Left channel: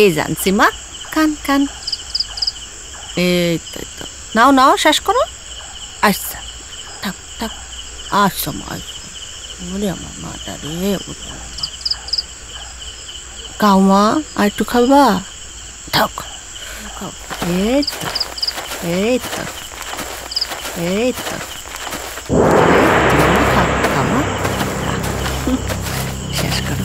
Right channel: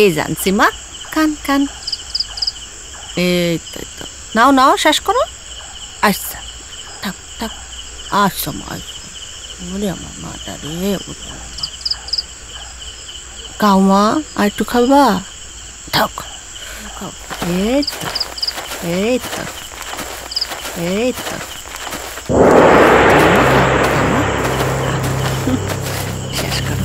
এই জানছি মা, কান কান। এই তো নাও নাও, শেষ করো। আচ্ছা থাক থাক, আচ্ছা মা, ওরে আমার মাটা রে, খাও মা, আর একটু খাবা? থাক খাও। এই তো এই তো এই তো মা, খা খামা, শেষ করো।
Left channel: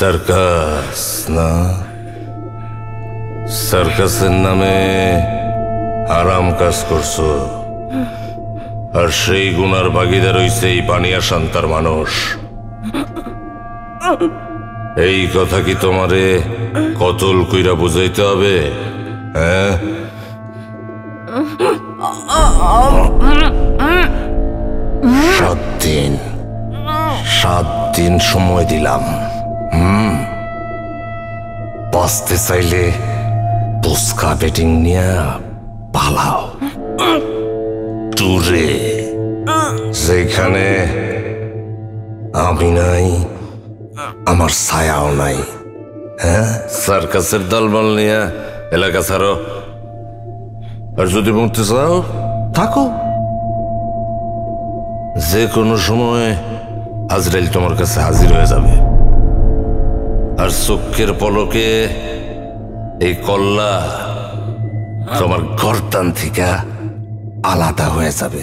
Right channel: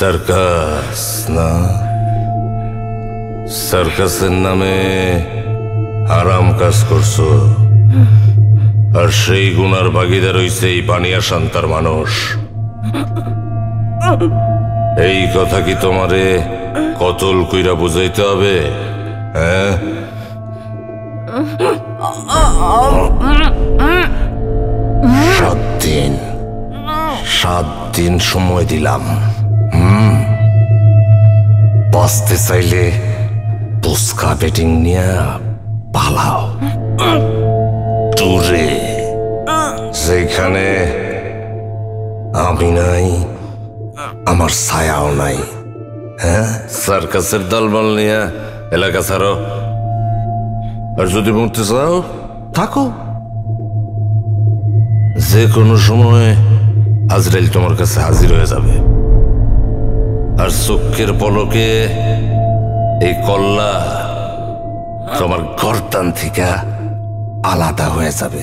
সার্কাস না, সার্কাসের নামে আরাম কাজ করছো, আর সেই গুনার ভাগিদার হইছে এই পানিয়া শান্তার মানুষ। এই কথা কি তোমারে কতল কইরা বুঝাইতে হবে? হ্যাঁ, 7 দিন সময় দিলাম। বাঁচতে চাইলে পুস্কা বেটিং নিয়ে পালাও টুরে, যেখানে আমি নাই, আমার ছায়াও নাই। হ্যাঁ, সার্কাসের দলবল নিয়ে এলাকা ছাড়ো, আর যদি মরতে চাও থাকো। যে কোনো সময় আজরাইল তোমার কাছে হাজির হয়ে যাবে, আর চোখের পলকে এই কল্লা তোমার গর্দান থেকে আলাদা হয়ে যাবে।